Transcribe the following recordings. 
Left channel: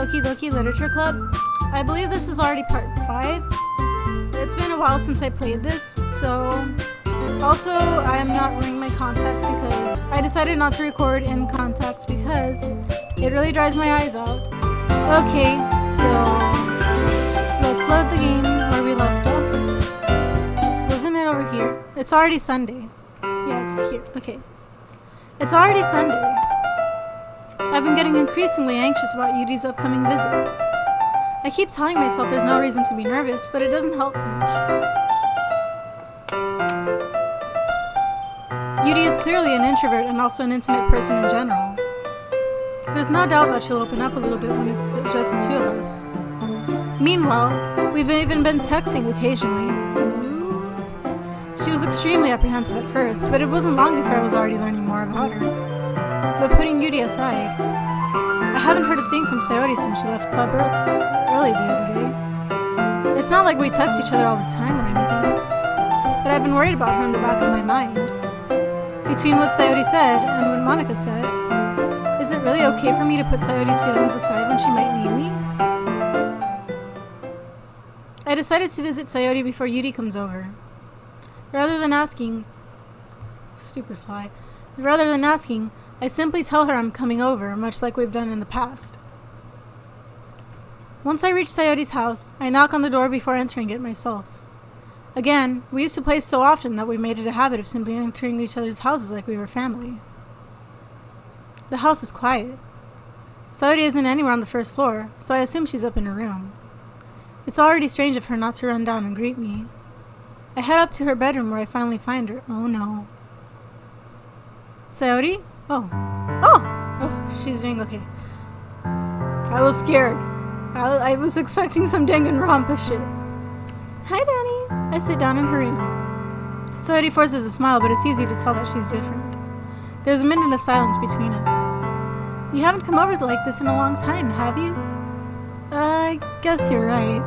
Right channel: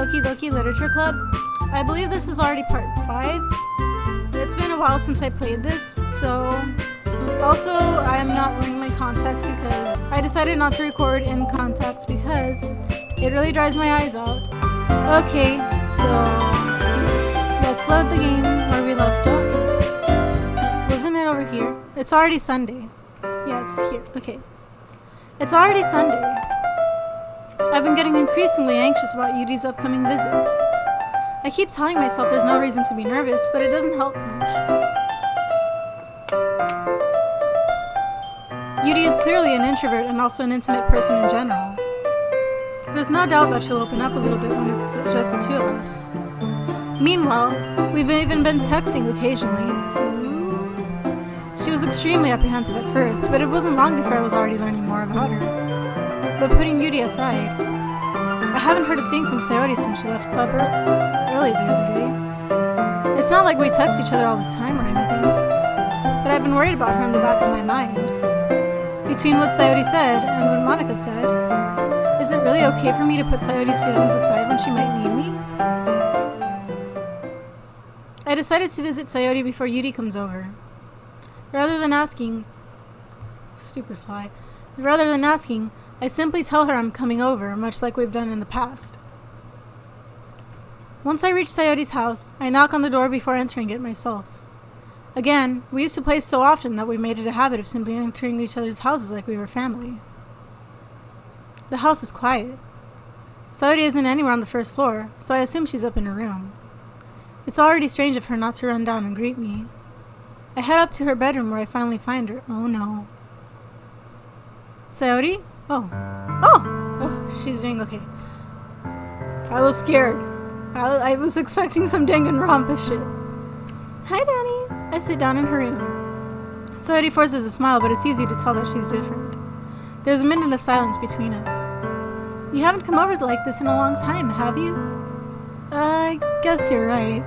Doki Doki Literature Club. I believe this is already part 5. It's been a while since I played this, so... Also, I am not wearing my contacts because I decided not to record in contacts because it really dries my eyes out. Okay, so... let's load the game where we left off. Wasn't it over here? It's already Sunday. Yeah, it's here. Okay. It's already Sunday. I've been getting increasingly anxious about Yudi's upcoming visit. I keep telling myself there's no reason to be nervous, but it doesn't help much. Yudi is clearly an introvert and also an intimate person in general. There's no doubt that she'll open up a little bit when it's just the two of us. Meanwhile, we've even been texting occasionally. She was extremely apprehensive at first, but it wasn't long before I was already learning more about her. But putting Yudi aside, I haven't heard a thing from Sayori since she left club early the other day. It's not like we text each other all the time or anything, but I've been worried about her in the back of my mind. Between what Sayori said and what Monica said, is it really okay for me to put Sayori's feelings aside when she might need me? I decided to visit Sayori before Yudi comes over. Rather than asking, I simply tell her I'm coming over, much like we've done in the past. Once I reach Sayori's house, I knock on the door before entering it myself. Again, we used to play so often that we made it a habit of simply entering each other's houses like we were family. The house is quiet. Sayori isn't anywhere on the first floor, so I assume she's up in her room. It's already strange of her not to run down and greet me. I head up to her bedroom where I finally find her. Oh no. Sayori? Oh, she's doing okay. I was scared. I was expecting some Danganronpa shit. Hi, Danny. I sit down in her room. Sayori forces a smile, but it's easy to tell that she's different. There's a minute of silence between us. You haven't come over like this in a long time, have you? I guess you're right.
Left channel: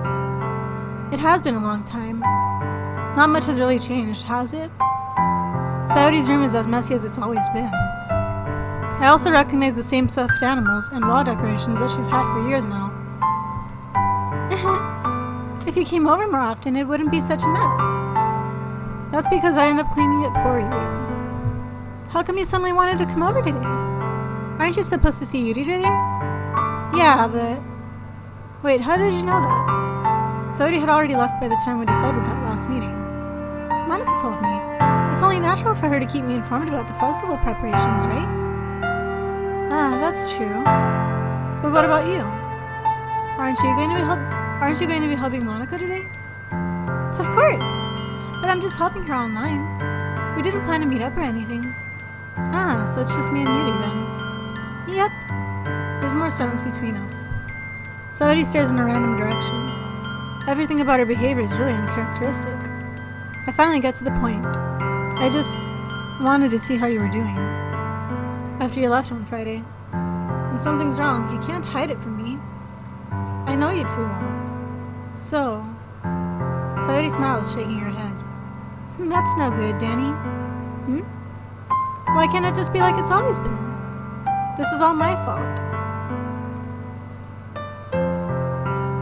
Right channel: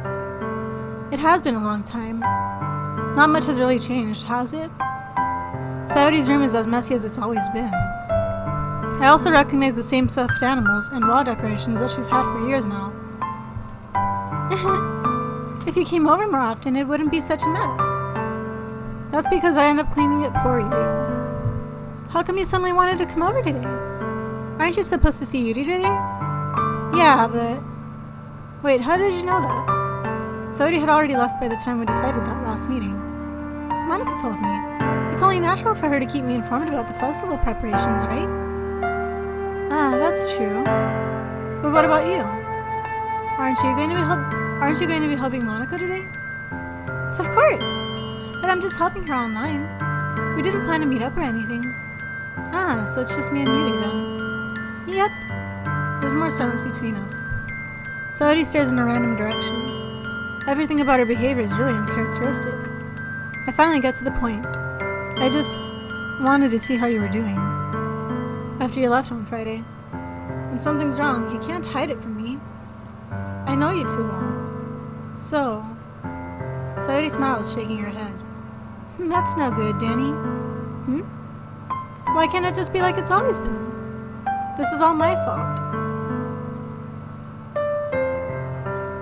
It has been a long time. Not much has really changed, has it? Sayori's room is as messy as it's always been. I also recognize the same stuffed animals and wall decorations that she's had for years now. If you came over more often, it wouldn't be such a mess. That's because I end up cleaning it for you. How come you suddenly wanted to come over today? Aren't you supposed to see Yuri today? Yeah, but... Wait, how did you know that? Sayori had already left by the time we decided that last meeting. Monica told me. It's only natural for her to keep me informed about the festival preparations, right? Ah, that's true. But what about you? Aren't you going to be helping Monica today? Of course. But I'm just helping her online. We didn't plan to meet up or anything. Ah, so it's just me and Yuri then. Yep. There's more silence between us. Sayori stares in a random direction. Everything about her behavior is really uncharacteristic. I finally get to the point. I just wanted to see how you were doing after you left on Friday. When something's wrong, you can't hide it from me. I know you too well. So, Sayori smiles, shaking her head. That's no good, Danny. Why can't it just be like it's always been? This is all my fault.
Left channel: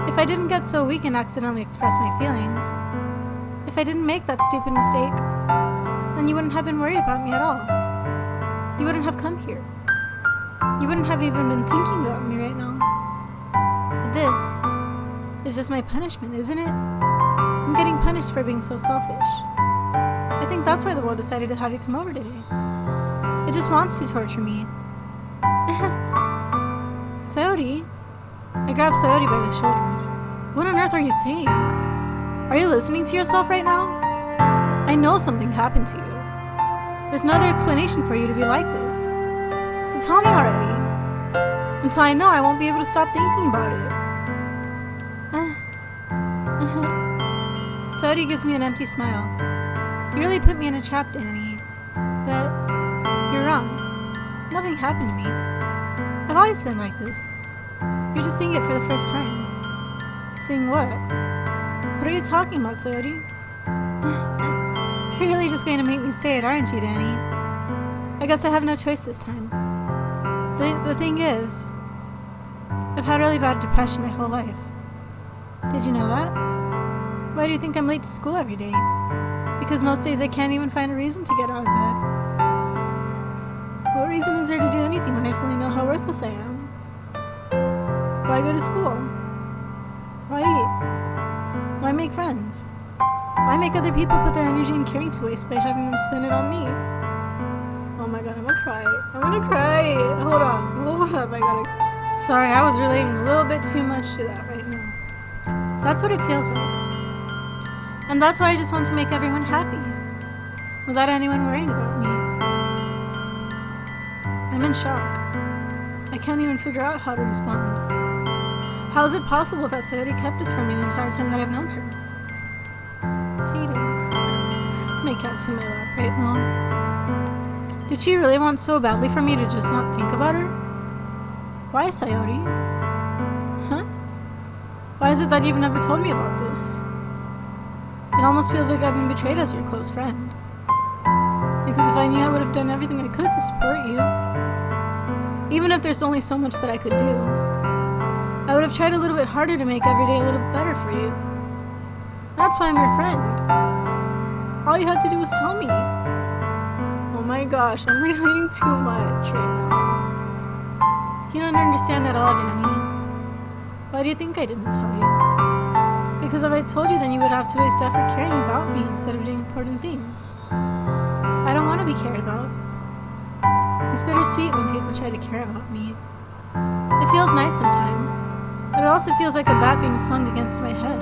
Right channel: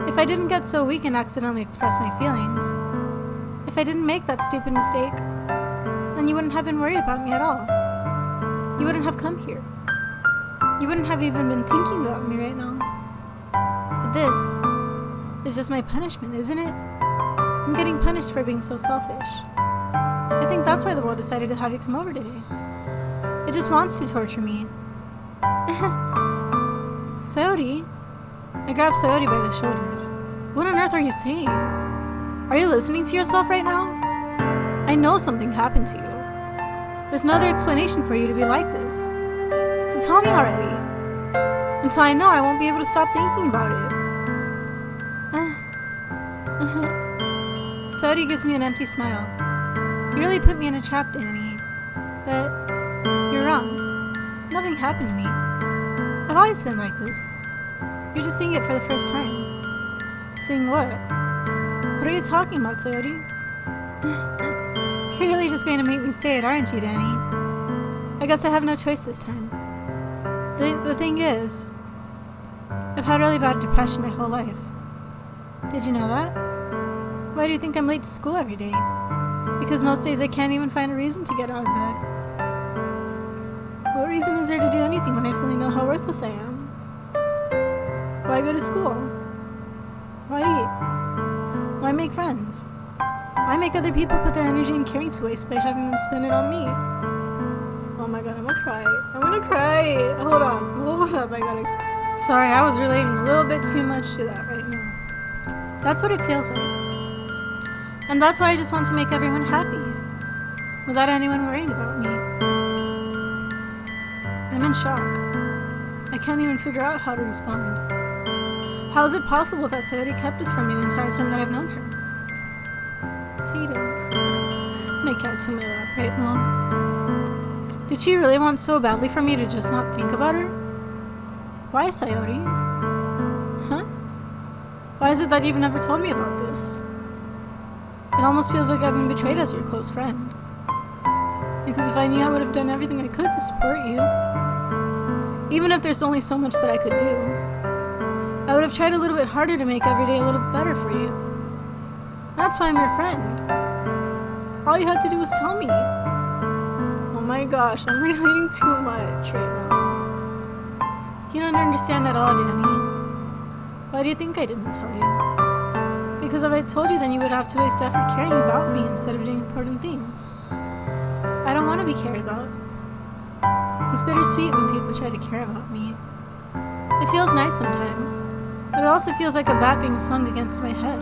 If I didn't get so weak and accidentally express my feelings, if I didn't make that stupid mistake, then you wouldn't have been worried about me at all. You wouldn't have come here. You wouldn't have even been thinking about me right now. But this is just my punishment, isn't it? I'm getting punished for being so selfish. I think that's why the world decided to have you come over today. It just wants to torture me. Sayori? I grab Sayori by the shoulders. What on earth are you saying? Are you listening to yourself right now? I know something happened to you. There's no other explanation for you to be like this. So tell me already. Until I know, I won't be able to stop thinking about it. Sayori gives me an empty smile. You really put me in a trap, Danny. But you're wrong. Nothing happened to me. I've always been like this. You're just seeing it for the first time. Seeing what? What are you talking about, Sayori? You're really just going to make me say it, aren't you, Danny? I guess I have no choice this time. The thing is, I've had really bad depression my whole life. Did you know that? Why do you think I'm late to school every day? Because most days I can't even find a reason to get out of bed. What reason is there to do anything when I fully know how worthless I am? Why go to school? Why eat? Why make friends? Why make other people put their energy and caring to waste by having them spend it on me? Oh my god, I'm gonna cry. Hold up, I gotta... Sorry, I was relating a little bit too much to that right now. That's what it feels like. And that's why I just want to make everyone happy, without anyone worrying about me. I'm in shock. I can't even figure out how to respond. How is it possible that Sayori kept this from me the entire time that I've known her? Tatum. My cat's in my lap right now. Did she really want so badly for me to just not think about her? Why, Sayori? Huh? Why is it that you've never told me about this? It almost feels like I've been betrayed as your close friend. Because if I knew, I would have done everything I could to support you. Even if there's only so much that I could do. I would have tried a little bit harder to make every day a little better for you. That's why I'm your friend. All you had to do was tell me. Oh my gosh, I'm relating too much right now. You don't understand at all, Danny. Why do you think I didn't tell you? Because if I told you, then you would have to waste effort caring about me instead of doing important things. I don't want to be cared about. It's bittersweet when people try to care about me. It feels nice sometimes, but it also feels like a bat being swung against my head.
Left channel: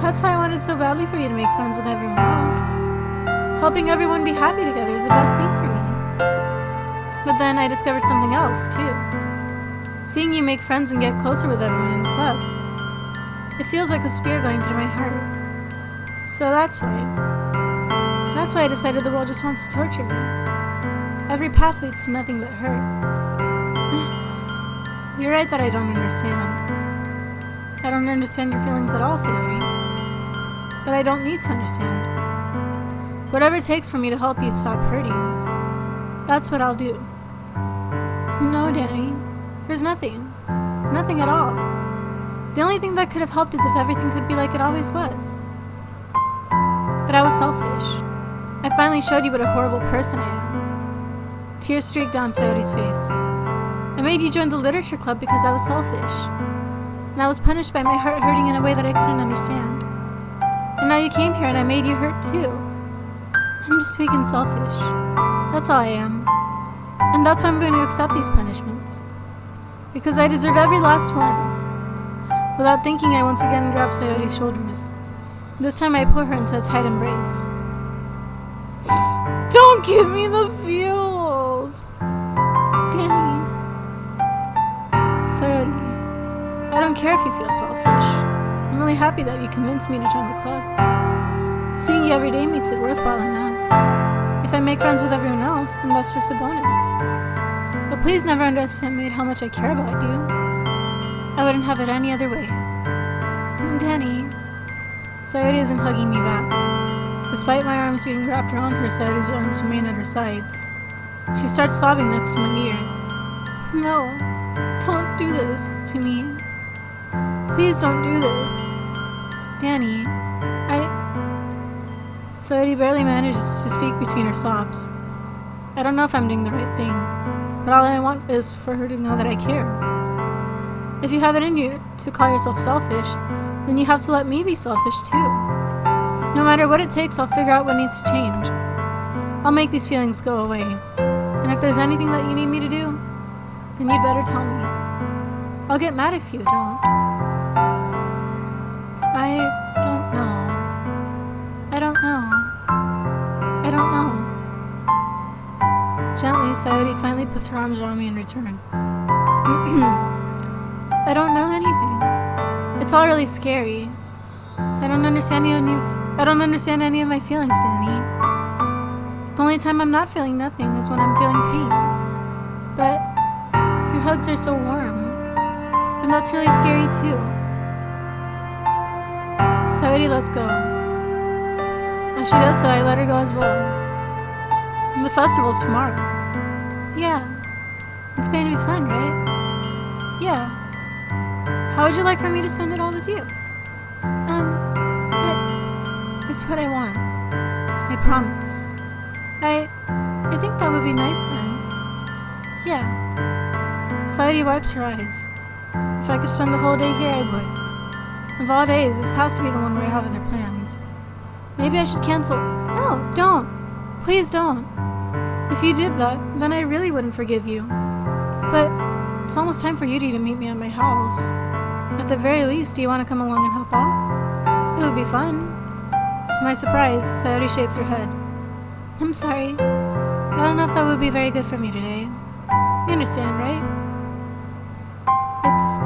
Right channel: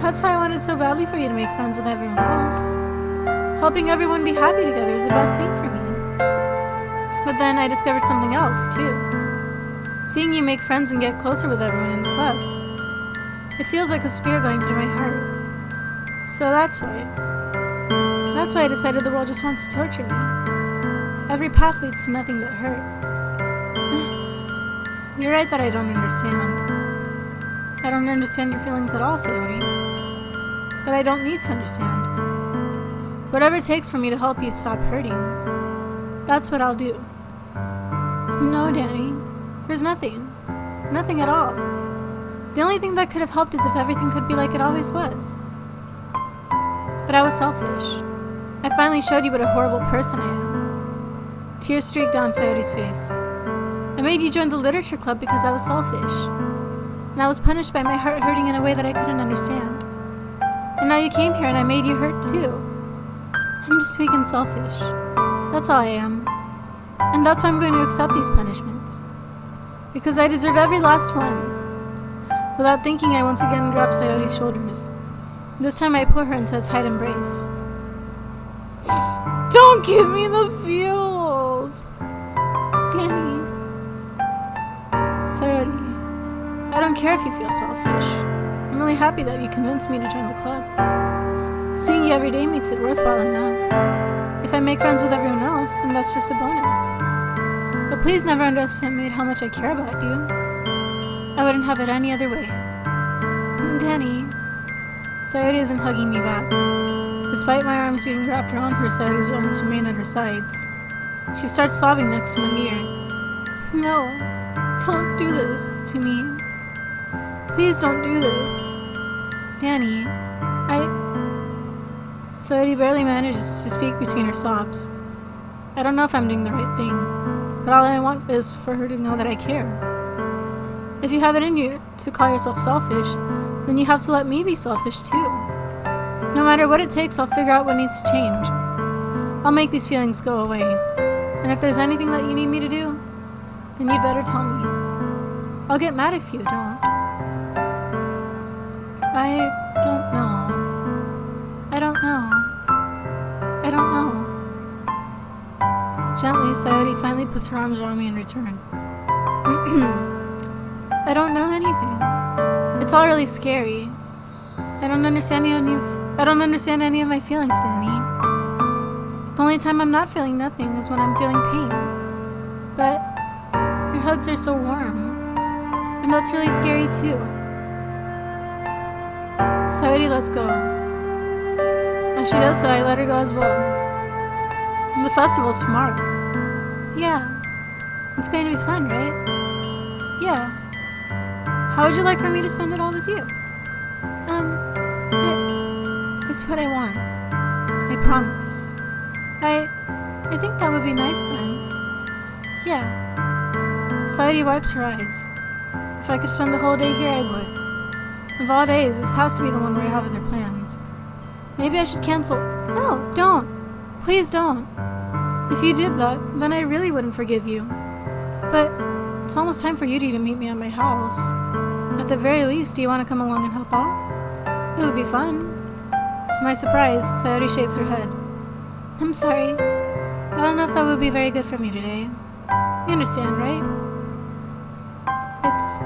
That's why I wanted so badly for you to make friends with everyone else. Helping everyone be happy together is the best thing for me. But then I discovered something else, too. Seeing you make friends and get closer with everyone in the club. It feels like a spear going through my heart. So that's why I decided the world just wants to torture me. Every path leads to nothing but hurt. You're right that I don't understand. I don't understand your feelings at all, Sayori. But I don't need to understand. Whatever it takes for me to help you stop hurting, that's what I'll do. No, Danny. There's nothing. Nothing at all. The only thing that could have helped is if everything could be like it always was. But I was selfish. I finally showed you what a horrible person I am. Tears streaked down Sayori's face. I made you join the literature club because I was selfish. And I was punished by my heart hurting in a way that I couldn't understand. And now you came here and I made you hurt too. I'm just weak and selfish. That's all I am. And that's why I'm going to accept these punishments. Because I deserve every last one. Without thinking, I once again grab Sayori's shoulders. This time I pull her into a tight embrace. Don't give me the feels! Danny. Sayori, I don't care if you feel selfish. I'm really happy that you convinced me to join the club. Seeing you every day makes it worthwhile enough. If I make friends with everyone else, then that's just a bonus. But please never underestimate how much I care about you. I wouldn't have it any other way. Danny. Sayori isn't hugging me back. Despite my arms being wrapped around her, Sayori's arms remain at her sides. She starts sobbing next to my ear. No, don't do this to me. Please don't do this. Danny, Sayori barely manages to speak between her sobs. I don't know if I'm doing the right thing, but all I want is for her to know that I care. If you have it in you to call yourself selfish, then you have to let me be selfish too. No matter what it takes, I'll figure out what needs to change. I'll make these feelings go away. And if there's anything that you need me to do, then you'd better tell me. I'll get mad if you don't. I don't know. Gently, Sayori finally puts her arms around me in return. I don't know anything. It's all really scary. I don't understand any of my feelings, Danny. The only time I'm not feeling nothing is when I'm feeling pain. But your hugs are so warm. And that's really scary too. Sayori lets go. As she does so, I let her go as well. And the festival's tomorrow. Yeah. It's going to be fun, right? Yeah. How would you like for me to spend it all with you? It's what I want. I promise. I think that would be nice then. Yeah. Sayori wipes her eyes. If I could spend the whole day here, I would. Of all days, this has to be the one where I have other plans. Maybe I should cancel. No, don't. Please don't. If you did that, then I really wouldn't forgive you. But it's almost time for Yuri to meet me at my house. At the very least, do you want to come along and help out? It would be fun. To my surprise, Sayori shakes her head. I'm sorry. I don't know if that would be very good for me today. You understand, right? It's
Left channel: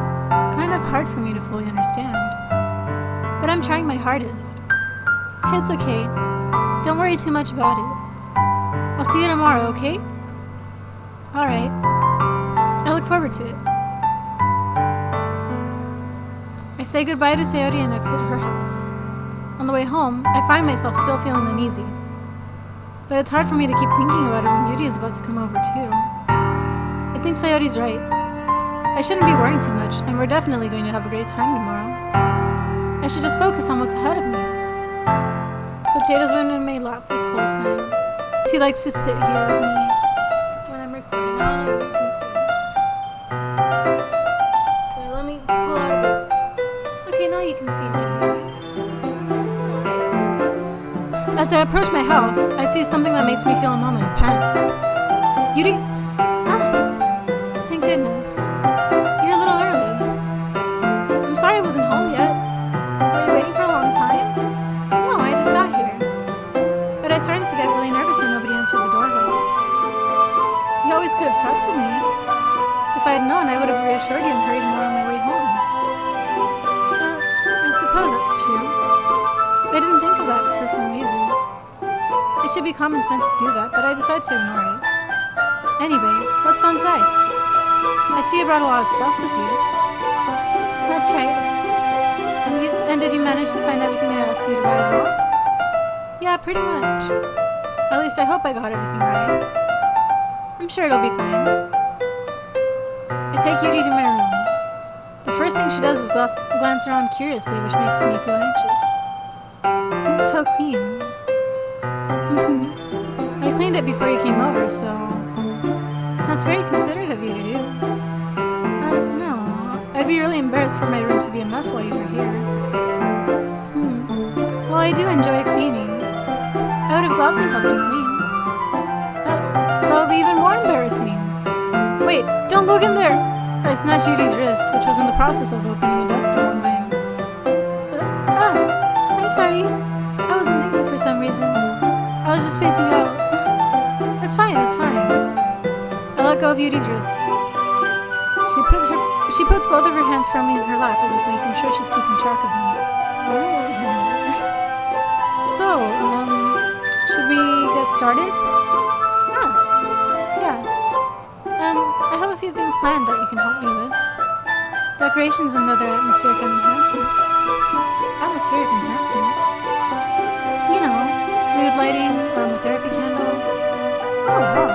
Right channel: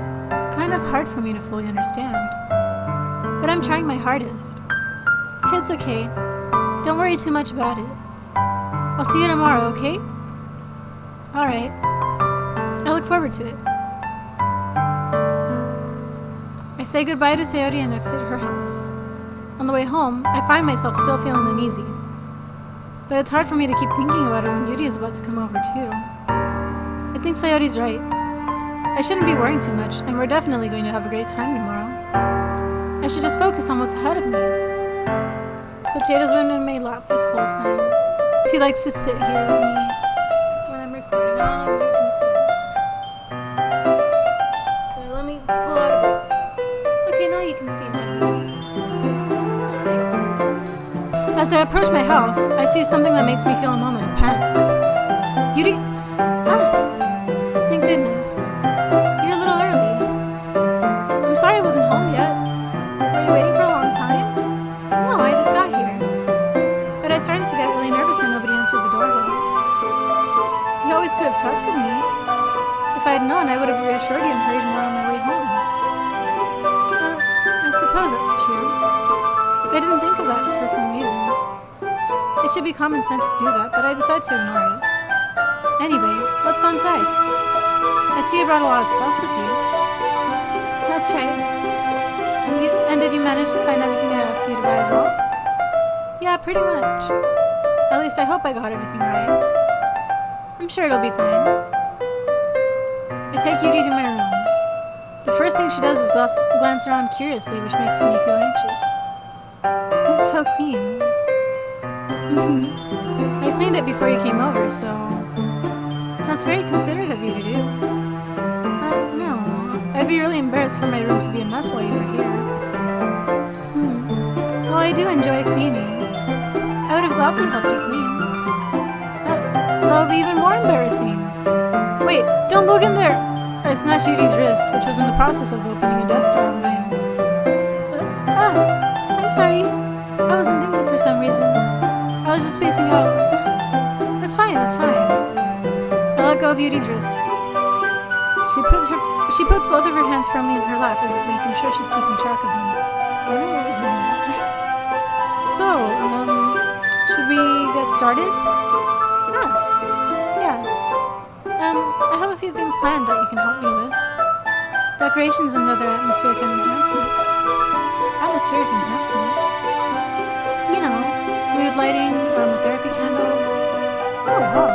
kind of hard for me to fully understand. But I'm trying my hardest. It's okay. Don't worry too much about it. I'll see you tomorrow, okay? Alright. I look forward to it. I say goodbye to Sayori and exit her house. On the way home, I find myself still feeling uneasy. But it's hard for me to keep thinking about it when Yuri is about to come over too. I think Sayori's right. I shouldn't be worrying too much, and we're definitely going to have a great time tomorrow. I should just focus on what's ahead of me. Potatoes went in my lap this whole time. He likes to sit here with me when I'm recording. I don't know if you can see. Okay, let me pull out a bit. Okay, now you can see my view. As I approach my house, I see something that makes me feel a moment of panic. Yuri? Thank goodness. You're a little early. I'm sorry I wasn't home yet. Were you waiting for a long time? No, I just got here. But I started to get really nervous when nobody answered the doorbell. You always could have texted me. If I had known, I would have reassured you and hurried more on my way home. I suppose that's true. I didn't think of that for some reason. It should be common sense to do that, but I decided to ignore it. Anyway, let's go inside. I see you brought a lot of stuff with you. That's right. And did you manage to find everything I asked you to buy as well? Yeah, pretty much. At least I hope I got everything right. I'm sure it'll be fine. I take Yuri to my room. The first thing she does is glance around curiously, which makes me feel anxious. It's so clean. I cleaned it before you came over, so... That's very considerate of you to do. No. I'd be really embarrassed for my room to be a mess while you were here. Well, I do enjoy cleaning. I would have gladly helped you clean. That would be even more embarrassing. Wait, don't look in there! I snatched Yuri's wrist, which was in the process of opening a desk door of mine. I'm sorry. I wasn't thinking for some reason. I was just spacing out. It's fine, it's fine. I let go of Yuri's wrist. She puts both of her hands firmly in her lap as if making sure she's keeping track of them. Oh no, it was in there. So, should we get started? Yes. I have a few things planned that you can help me with. Decorations and other atmospheric enhancements. Atmospheric enhancements? You know, mood lighting, aromatherapy candles. Oh, wow.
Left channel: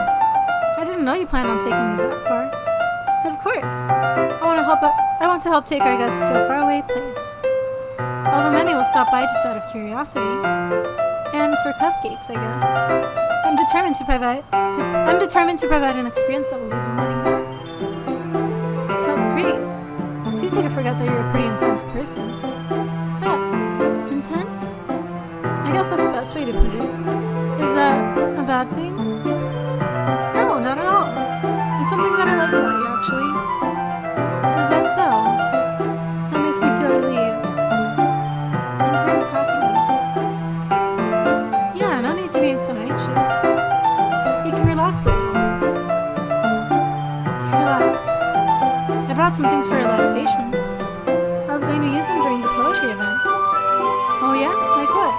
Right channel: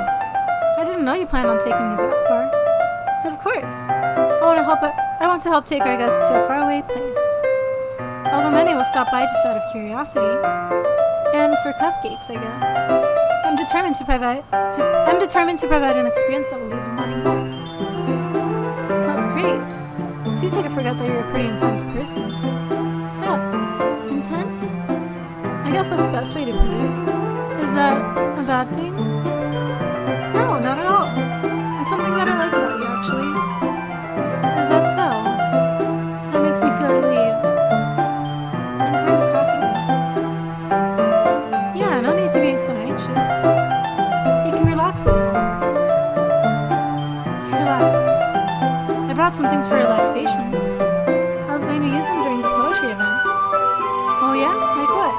I didn't know you planned on taking me that far. Of course. I want to help take our guests to a faraway place. Although many will stop by just out of curiosity. And for cupcakes, I guess. I'm determined to provide an experience that will leave them wanting more. That's great. It's easy to forget that you're a pretty intense person. Intense? I guess that's the best way to put it. Is that a bad thing? No, not at all. It's something that I like about you, actually. Is that so? That makes me feel relieved. And kind of happy. Yeah, no need to be so anxious. You can relax a little. Relax. I brought some things for relaxation. I was going to use them during the poetry event. Oh yeah? Like what?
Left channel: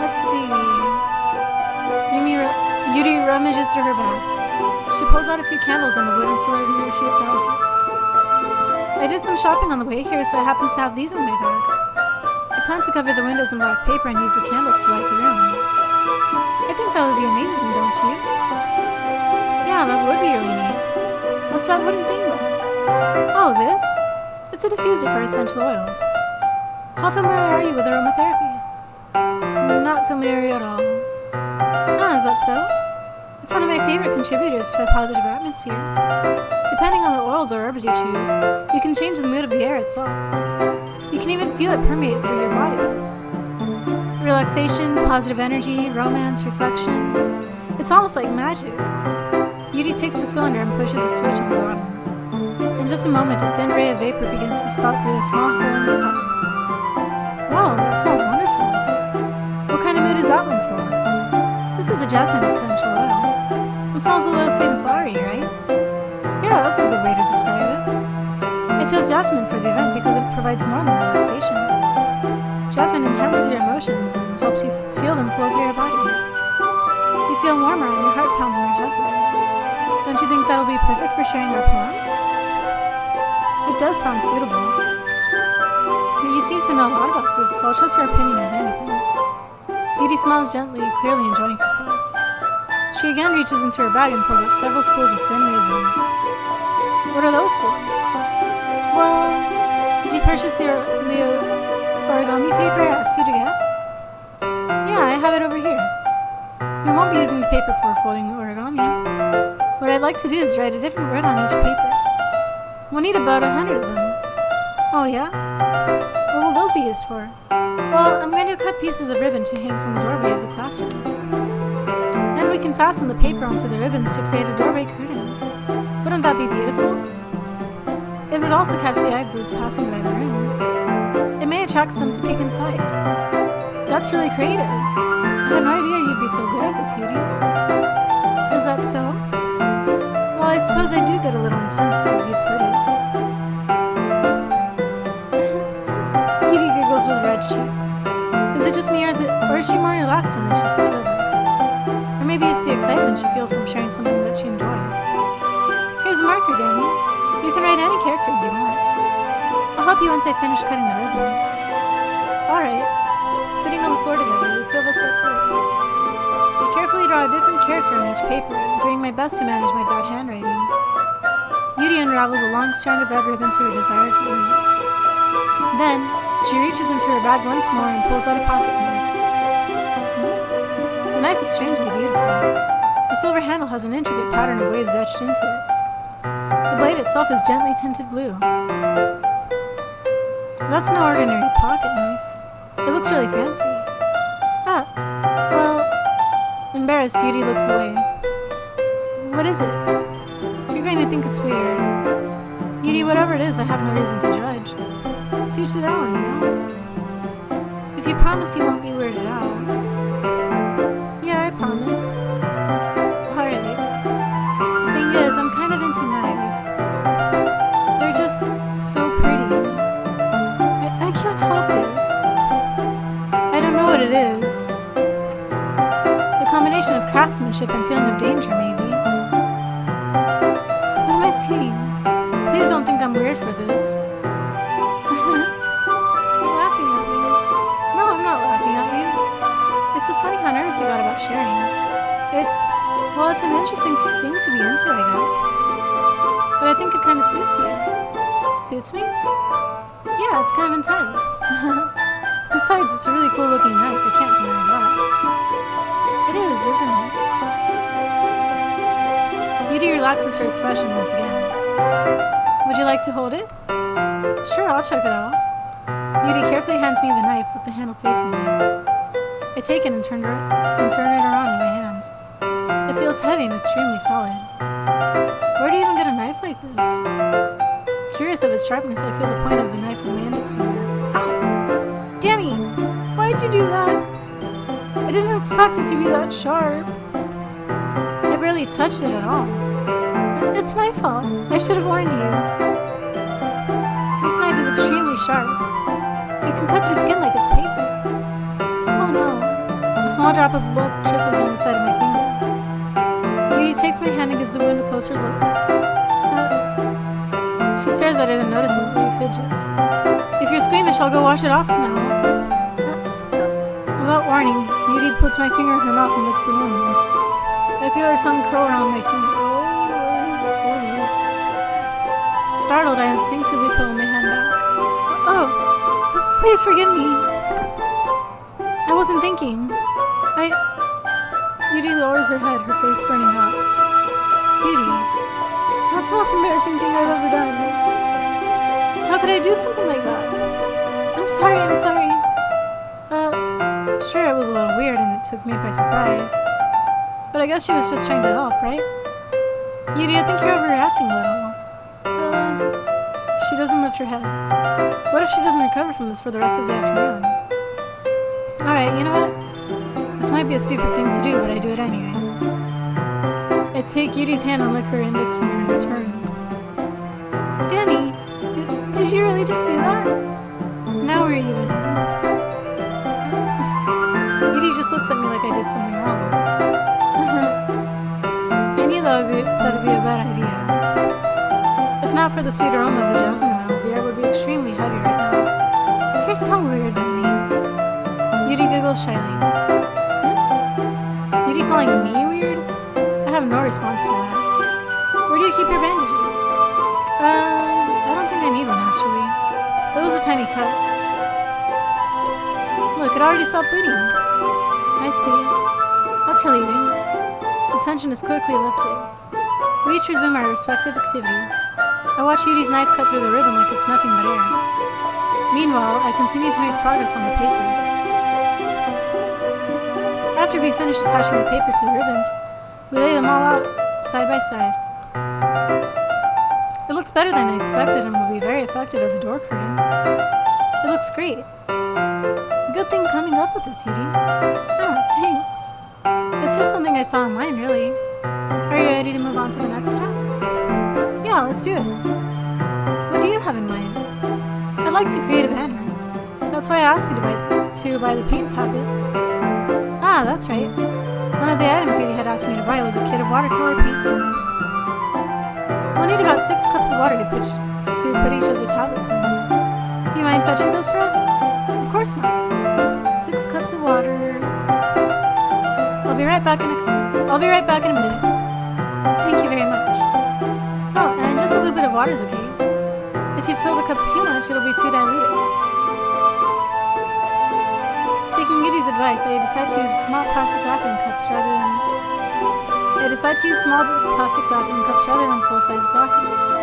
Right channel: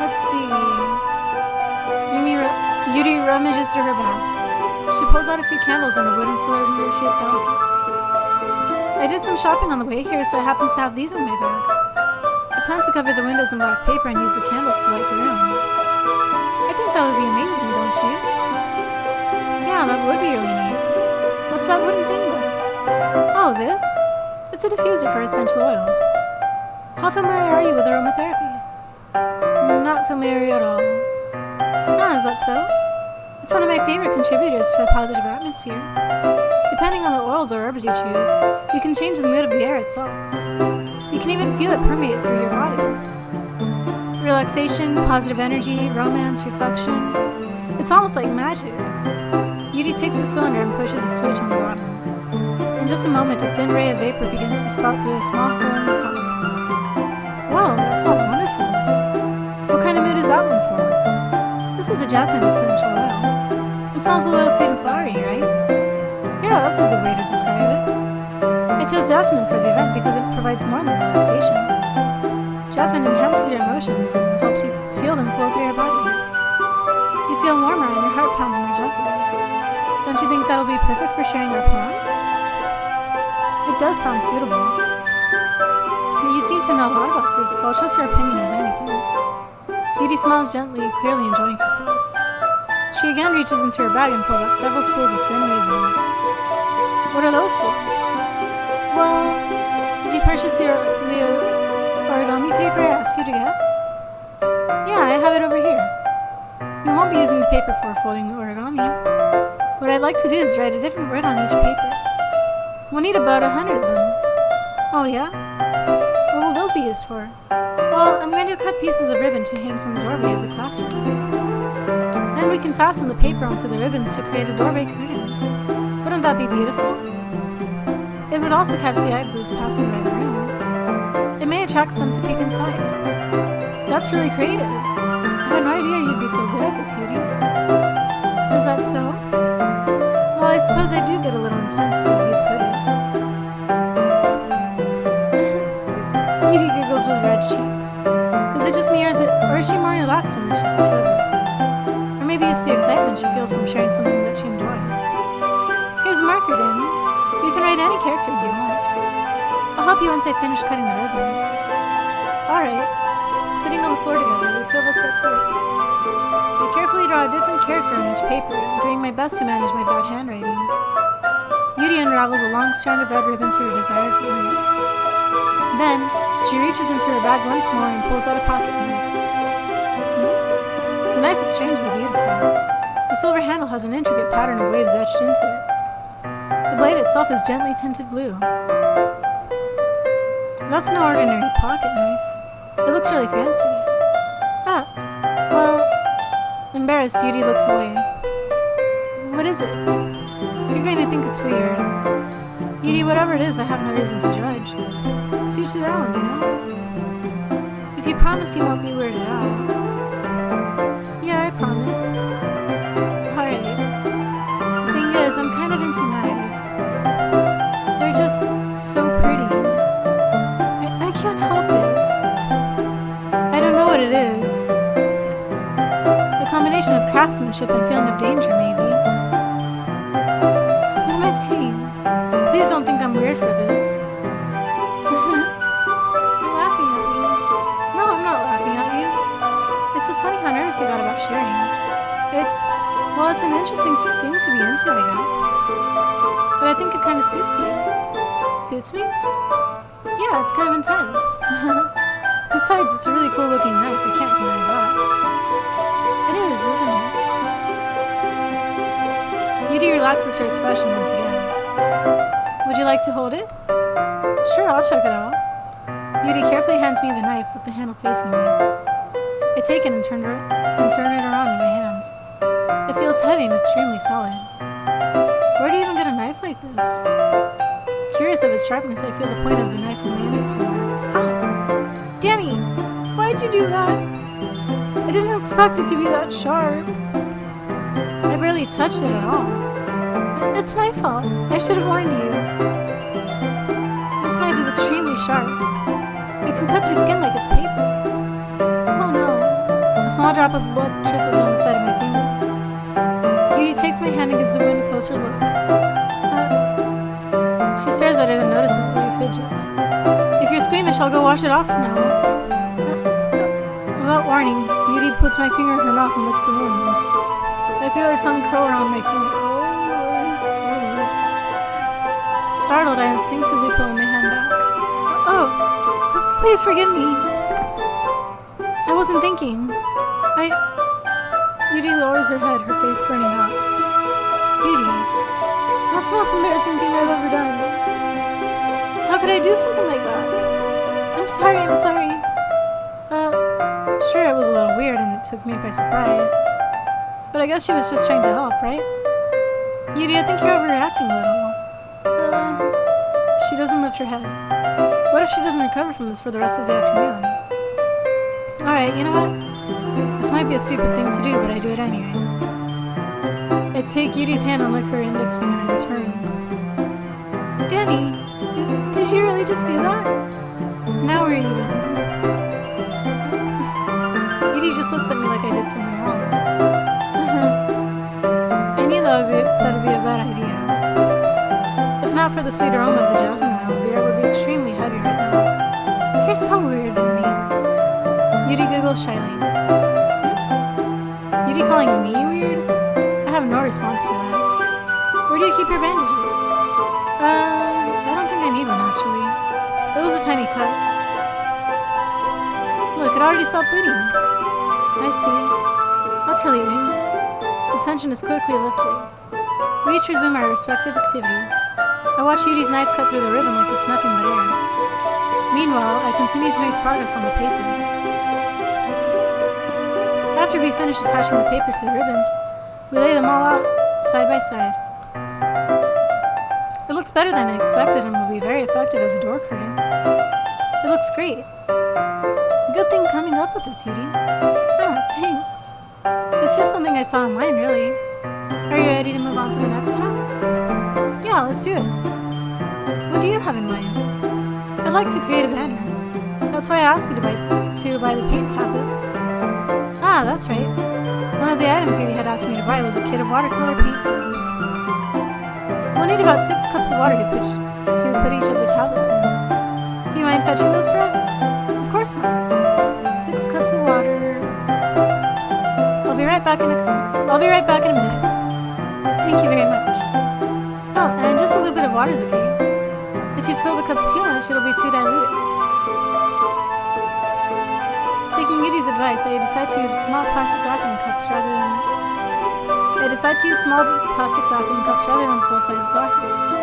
Let's see. Yuri rummages through her bag. She pulls out a few candles and a wooden cylinder-shaped object. I did some shopping on the way here, so I happen to have these in my bag. I plan to cover the windows in black paper and use the candles to light the room. I think that would be amazing, don't you? Yeah, that would be really neat. What's that wooden thing, though? Oh, this? It's a diffuser for essential oils. How familiar are you with aromatherapy? Not familiar at all. Ah, is that so? It's one of my favorite contributors to a positive atmosphere. Depending on the oils or herbs you choose, you can change the mood of the air itself. You can even feel it permeate through your body. Relaxation, positive energy, romance, reflection. It's almost like magic. Yuri takes the cylinder and pushes a switch on the bottom. In just a moment, a thin ray of vapor begins to spout through a small hole in his home. Wow, that smells wonderful. What kind of mood is that one for? This is a jasmine essential oil. It smells a little sweet and flowery, right? Yeah, that's a good way to describe it. I chose jasmine for the event because it provides more than relaxation. Jasmine enhances your emotions and helps you feel them flow through your body. You feel warmer and your heart pounds more heavily. Don't you think that'll be perfect for sharing our poems? It does sound suitable. But you seem to know a lot about this, so I'll trust your opinion with anything. Yuri smiles gently, clearly enjoying herself. She again reaches into her bag and pulls out several spools of thin ribbon. What are those for? Well, did you purchase the origami paper I asked you to get? Yeah, I have it over here. We won't be using the paper for folding the origami. What I'd like to do is write a different word on each paper. We'll need about 100 of them. Oh yeah? What will those be used for? Well, I'm going to cut pieces of ribbon to hang from the doorway of the classroom. Then we can fasten the paper onto the ribbons to create a doorway curtain. Wouldn't that be beautiful? It would also catch the eye of those passing by the room. It may attract some to peek inside. That's really creative. I had no idea you'd be so good at this, Yuri. Is that so? Well, I suppose I do get a little intense, as you'd put it. Yuri giggles with red cheeks. Is it just me, or is she more relaxed when it's just the two of us? Or maybe it's the excitement she feels from sharing something that she enjoys. Here's a marker, Danny. You can write any characters you want. I'll help you once I finish cutting the ribbons. Alright. Sitting on the floor together, the two of us get to work. I carefully draw a different character on each paper, doing my best to manage my bad handwriting. Yuri unravels a long strand of red ribbon to her desired length. Then, she reaches into her bag once more and pulls out a pocket knife. The knife is strangely beautiful. The silver handle has an intricate pattern of waves etched into it. The blade itself is gently tinted blue. That's no ordinary pocket knife. It looks really fancy. Ah, well... Embarrassed, Yuri looks away. What is it? You're going to think it's weird. Yuri, whatever it is, I have no reason to judge. To each their own, you know? If you promise you won't be weirded out. Yeah, I promise. Alright. The thing is, I'm kind of into knives. They're just so pretty. I can't help it. I don't know what it is. A combination of craftsmanship and feeling of danger, maybe. What am I saying? Please don't think I'm weird for this. You're laughing at me. No, I'm not laughing at you. It's just funny how nervous you got about sharing. It's an interesting thing to be into, I guess. But I think it kind of suits you. Suits me? Yeah, it's kind of intense. Besides, it's a really cool looking knife, I can't deny that. It is, isn't it? Yuri relaxes her expression once again. Would you like to hold it? Sure, I'll check it out. Yuri carefully hands me the knife with the handle facing me. I take it and turn it around in my hands. It feels heavy and extremely solid. Where do you even get a knife like this? Curious of its sharpness, I feel the point of the knife on my index finger. Ow! Danny! Why'd you do that? I didn't expect it to be that sharp. I barely touched it at all. It's my fault. I should have warned you. This knife is extremely sharp. It can cut through skin like it's paper. Oh no. A small drop of blood trickles on the side of my finger. Yuri takes my hand and gives the wound a closer look. She stares at it and noticeably fidgets. If you're squeamish, I'll go wash it off now. Without warning, Yuri puts my finger in her mouth and licks the wound. I feel her tongue curl around my finger. Startled, I instinctively pulled my hand back. Oh, please forgive me. I wasn't thinking. Yuri lowers her head, her face burning up. Yuri, that's the most embarrassing thing I've ever done. How could I do something like that? I'm sorry. Sure, it was a little weird and it took me by surprise. But I guess she was just trying to help, right? Yuri, I think you're overreacting a little. She doesn't lift her head. What if she doesn't recover from this for the rest of the afternoon? Alright, you know what? This might be a stupid thing to do, but I do it anyway. I take Yuri's hand and lick her index finger in return. Danny, did you really just do that? Now we're even. Yuri just looks at me like I did something wrong. I knew that would be a bad idea. If not for the sweet aroma of the jasmine oil, the air would be extremely heavy right now. You're so weird, Danny. Yuri giggles shyly. Yuri calling me weird? I have no response to that. Where do you keep your bandages? I don't think I need one, actually. It was a tiny cut. Look, it already stopped bleeding. I see. That's relieving. The tension is quickly lifted. We each resume our respective activities. I watch Yuri's knife cut through the ribbon like it's nothing but air. Meanwhile, I continue to make progress on the paper. After we finish attaching the paper to the ribbons, we lay them all out side by side. It looks better than I expected and will be very effective as a door curtain. It looks great. Good thing coming up with this, Yuri. Ah, thanks. It's just something I saw online, really. Are you ready to move on to the next task? Yeah, let's do it. What do you have in mind? I'd like to create a banner. That's why I asked you to buy the paint tablets. Ah, that's right. One of the items Yuri had asked me to buy was a kit of watercolor paint tablets. We'll need about 6 cups of water to put each of the tablets in. Do you mind fetching those for us? Of course not. 6 cups of water. I'll be right back in a minute. Thank you very much. Oh, and just a little bit of water is okay. If you fill the cups too much, it'll be too diluted. Taking Yuri's advice, I decide to use small plastic bathroom cups rather than full-size glasses.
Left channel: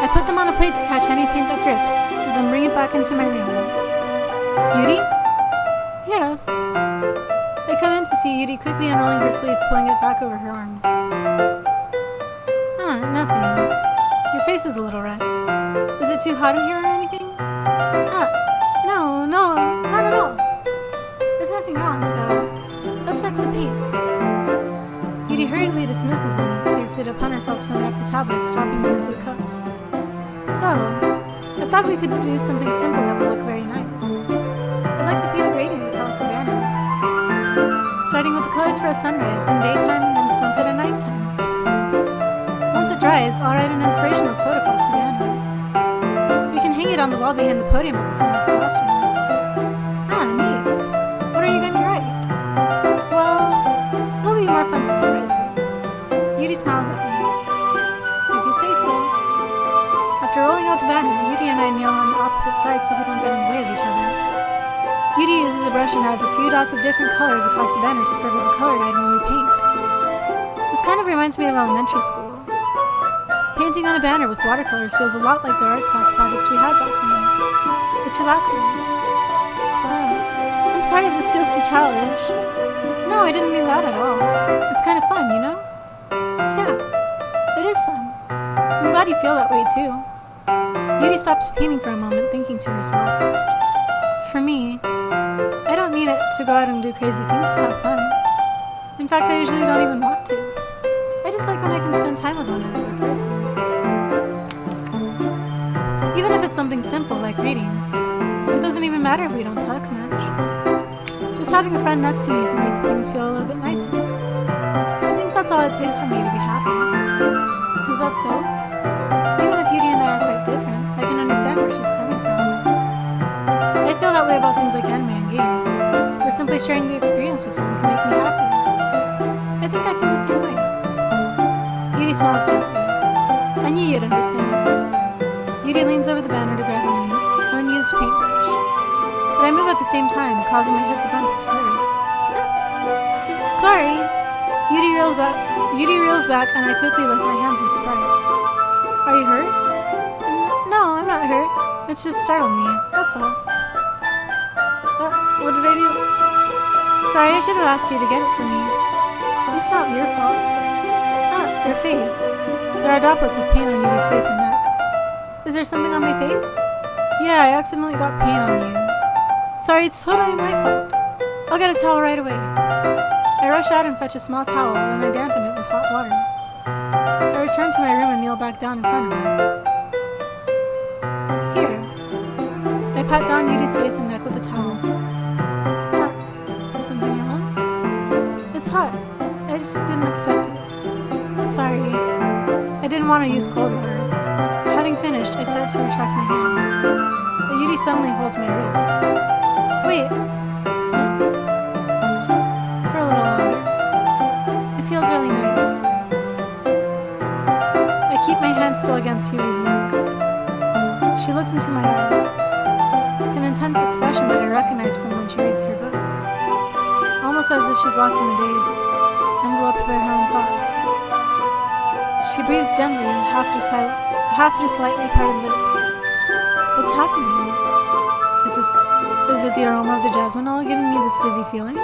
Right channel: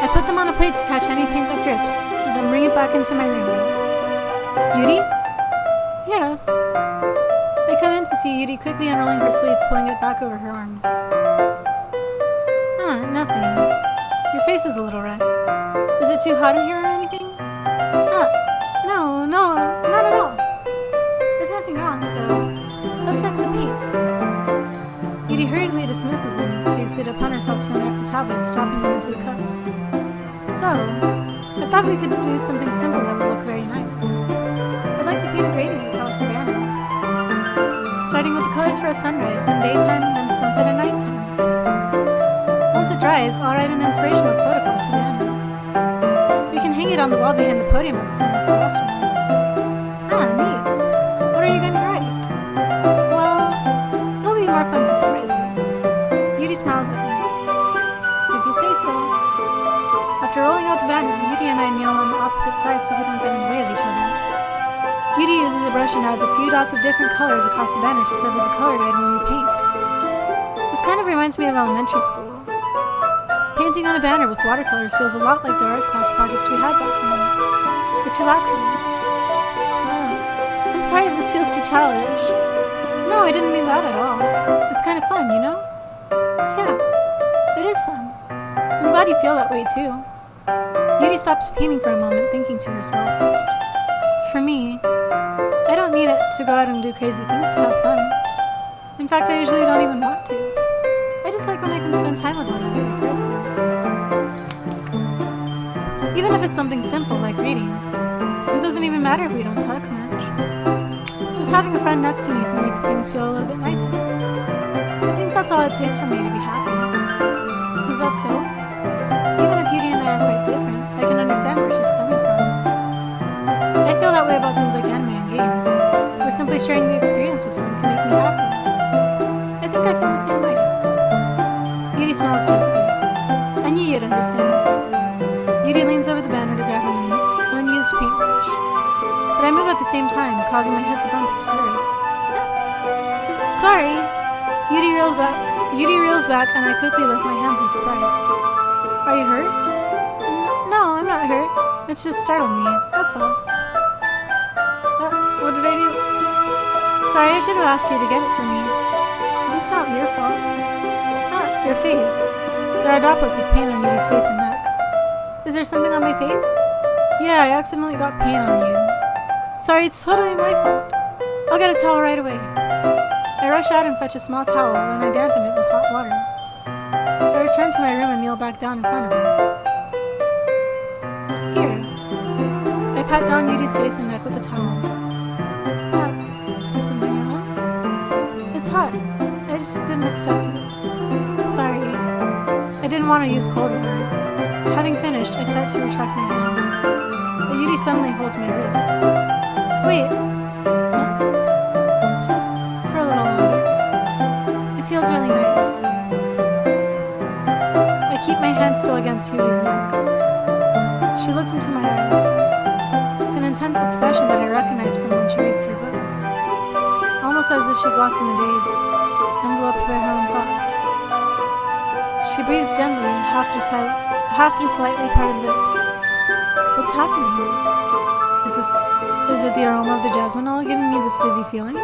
I put them on a plate to catch any paint that drips, then bring it back into my room. Yuri? Yes. I come in to see Yuri quickly unrolling her sleeve, pulling it back over her arm. Ah, nothing. Your face is a little red. Is it too hot in here or anything? Ah, no, not at all. There's nothing wrong, so let's mix the paint. Yuri hurriedly dismisses and takes it upon herself to unwrap the tablets, dropping them into the cups. So, I thought we could do something simple that would look very nice. I'd like to paint a gradient across the banner. Starting with the colors for a sunrise, then daytime, then sunset and nighttime. Once it dries, I'll write an inspirational quote across the banner. We can hang it on the wall behind the podium at the front of the classroom. Ah, neat. What are you going to write? Well, it'll be more fun to surprise you. Yuri smiles at me. If you say so. After rolling out the banner, Yuri and I kneel on the opposite sides so we don't get in the way of each other. Yuri uses a brush and adds a few dots of different colors across the banner to serve as a color guide when we paint. This kind of reminds me of elementary school. Painting on a banner with watercolors feels a lot like the art class projects we had back then. It's relaxing. I'm sorry if this feels too childish. No, I didn't mean that at all. It's kind of fun, you know? Yeah, it is fun. I'm glad you feel that way too. Yuri stops painting for a moment, thinking to herself. For me, I don't need it to go out and do crazy things to have fun. In fact, I usually don't even want to. I just like when I can spend time with one other person. Even if it's something simple like reading, it doesn't even matter if we don't talk much. Just having a friend next to me makes things feel a little bit nicer. I think that's all it takes for me to be happy. Is that so? Even if Yuri and I are quite different, I can understand where she's coming from. I feel that way about things like anime and games, where simply sharing the experience with someone can make me happy. I think I feel the same way. Yuri smiles gently. I knew you'd understand. Yuri leans over the banner to grab an unused paintbrush. But I move at the same time, causing my head to bump into hers. Sorry. Yuri reels back, and I quickly lift my hands in surprise. Are you hurt? No, I'm not hurt. It's just startled me, that's all. What did I do? Sorry, I should have asked you to get it for me. It's not your fault. Your face. There are droplets of paint on Yuri's face and neck. Is there something on my face? Yeah, I accidentally got paint on you. Sorry, it's totally my fault. I'll get a towel right away. I rush out and fetch a small towel, and I dampen it with hot water. I return to my room and kneel back down in front of her. Here. I pat down Yuri's face and neck with the towel. What? Is something wrong? It's hot. I just didn't expect it. Sorry. I didn't want to use cold water. Having finished, I start to retract my hand. But Yuri suddenly holds my wrist. Wait. Huh? Just for a little longer. It feels really nice. I keep my hand still against Yuri's neck. She looks into my eyes. It's an intense expression that I recognize from when she reads her books. Almost as if she's lost in a daze, enveloped by her own thoughts. She breathes gently, half through slightly parted lips. What's happening? Is it the aroma of the jasmine oil giving me this dizzy feeling?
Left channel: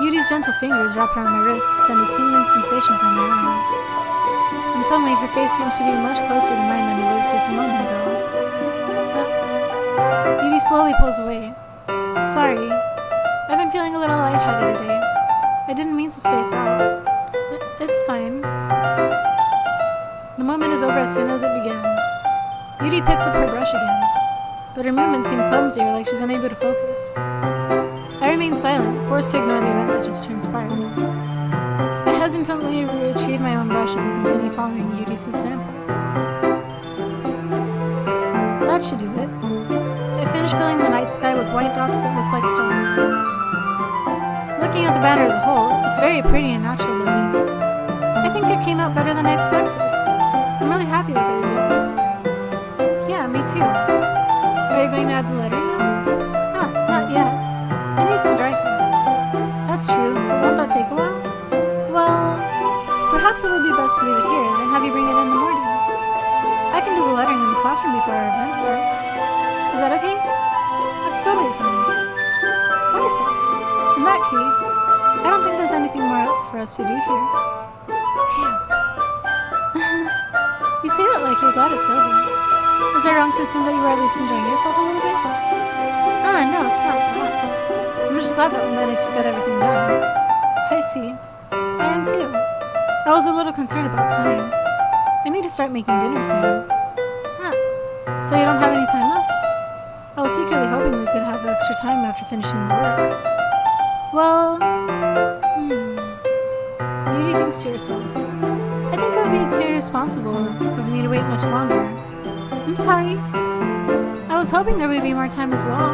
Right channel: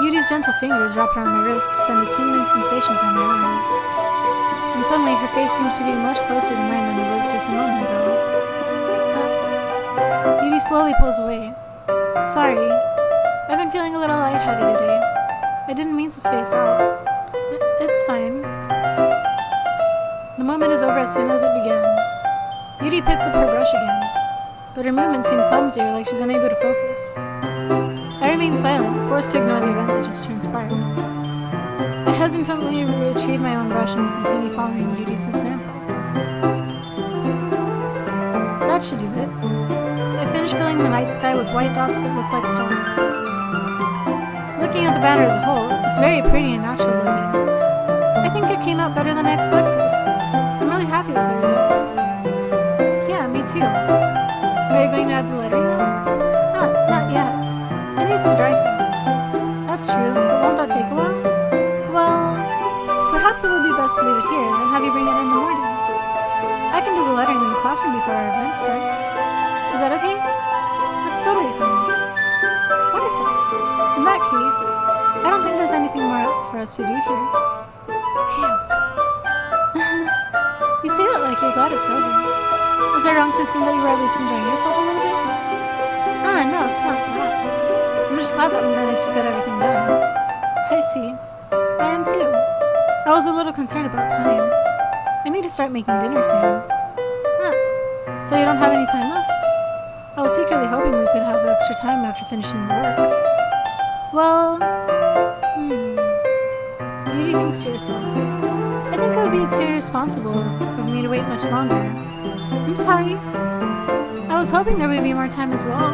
Yuri's gentle fingers wrapped around my wrist send a tingling sensation from my arm. And suddenly her face seems to be much closer to mine than it was just a moment ago. Yuri slowly pulls away. Sorry. I've been feeling a little lightheaded today. I didn't mean to space out. It's fine. The moment is over as soon as it began. Yuri picks up her brush again, but her movements seem clumsier, like she's unable to focus. I remain silent, forced to ignore the event that just transpired. I hesitantly retrieve my own brush and continue following Yuri's example. That should do it. I finish filling the night sky with white dots that look like stars. Looking at the banner as a whole, it's very pretty and natural looking. I think it came out better than I expected. I'm really happy with the results. Yeah, me too. Are you going to add the lettering now? Not yet. It needs to dry first. That's true, but won't that take a while? Well, perhaps it would be best to leave it here, then have you bring it in the morning. I can do the lettering in the classroom before our event starts. Is that okay? That's totally fine. Wonderful. In that case, I don't think there's anything more for us to do here. Phew. You say that like you're glad it's over. Was I wrong to assume that you were at least enjoying yourself a little bit? No, it's not that. I'm just glad that we managed to get everything done. I see. I am too. I was a little concerned about time. I need to start making dinner soon. So you don't have any time left? I was secretly hoping we could have extra time after finishing the work. Well, Yuri thinks to yourself. I think it would be too irresponsible of me to wait much longer. I'm sorry. I was hoping there would be more time as well.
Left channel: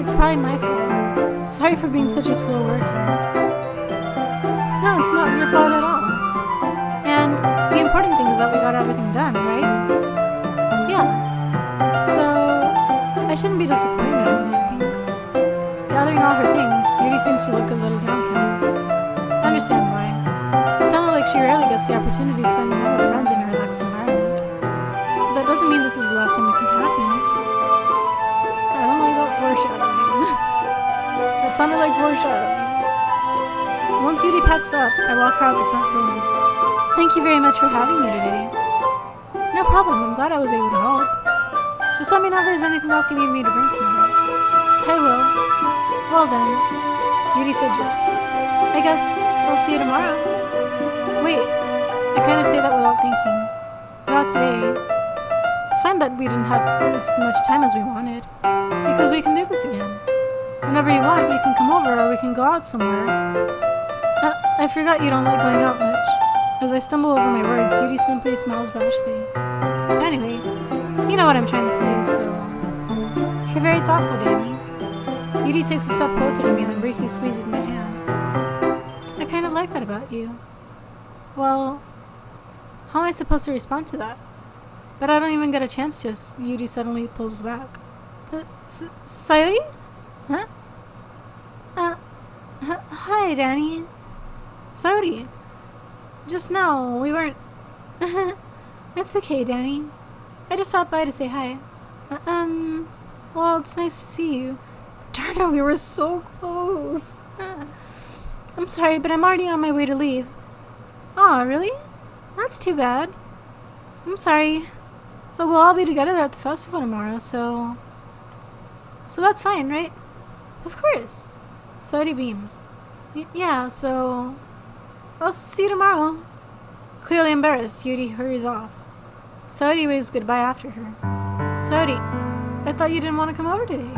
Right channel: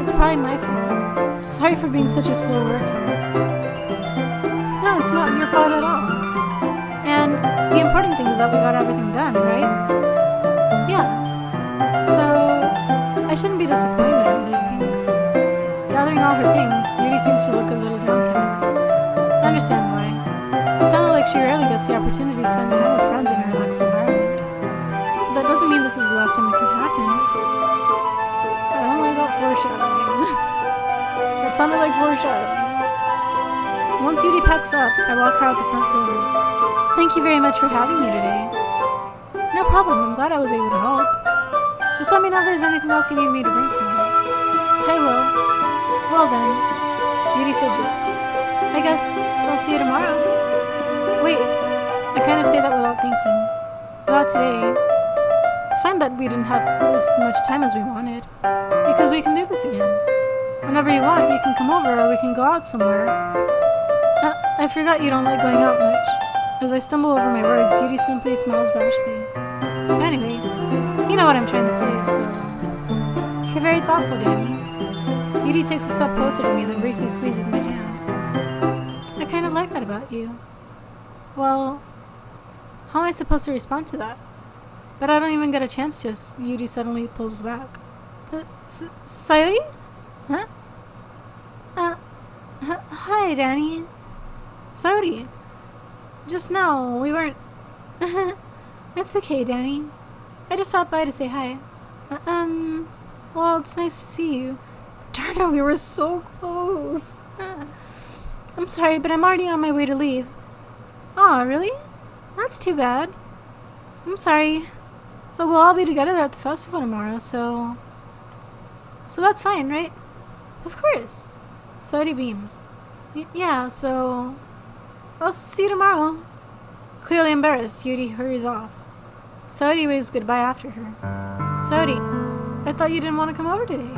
It's probably my fault. Sorry for being such a slow worker. No, it's not your fault at all. And the important thing is that we got everything done, right? Yeah. So, I shouldn't be disappointed or anything. Gathering all her things, Yuri seems to look a little downcast. I understand why. It sounded like she rarely gets the opportunity to spend time with friends in a relaxed environment. But that doesn't mean this is the last time it can happen. I don't like that foreshadowing. That sounded like foreshadowing. Once Yuri packs up, I walk her out the front door. Thank you very much for having me today. No problem, I'm glad I was able to help. Just let me know if there's anything else you need me to bring tomorrow. I will. Well then, Yuri fidgets. I guess I'll see you tomorrow. Wait, I kind of say that without thinking. About today. It's fine that we didn't have as much time as we wanted, because we can do this again. Whenever you want, you can come over or we can go out somewhere. I forgot you don't like going out much. As I stumble over my words, Yuri simply smiles rashly. Anyway, you know what I'm trying to say, so... You're very thoughtful, Danny. Yuri takes a step closer to me and then briefly squeezes my hand. I kind of like that about you. Well, how am I supposed to respond to that? But I don't even get a chance to as Yuri suddenly pulls back. Sayori? Huh? Hi, Danny. Sayori. Just now, we weren't... It's okay, Danny. I just stopped by to say hi. Well, it's nice to see you. Darn it, we were so close. I'm sorry, but I'm already on my way to leave. Aw, really? That's too bad. I'm sorry. But we'll all be together at the festival tomorrow, so that's fine, right? Of course. Sayori beams. Yeah, so... I'll see you tomorrow. Clearly embarrassed, Yuri hurries off. Sayori waves goodbye after her. Sayori, I thought you didn't want to come over today.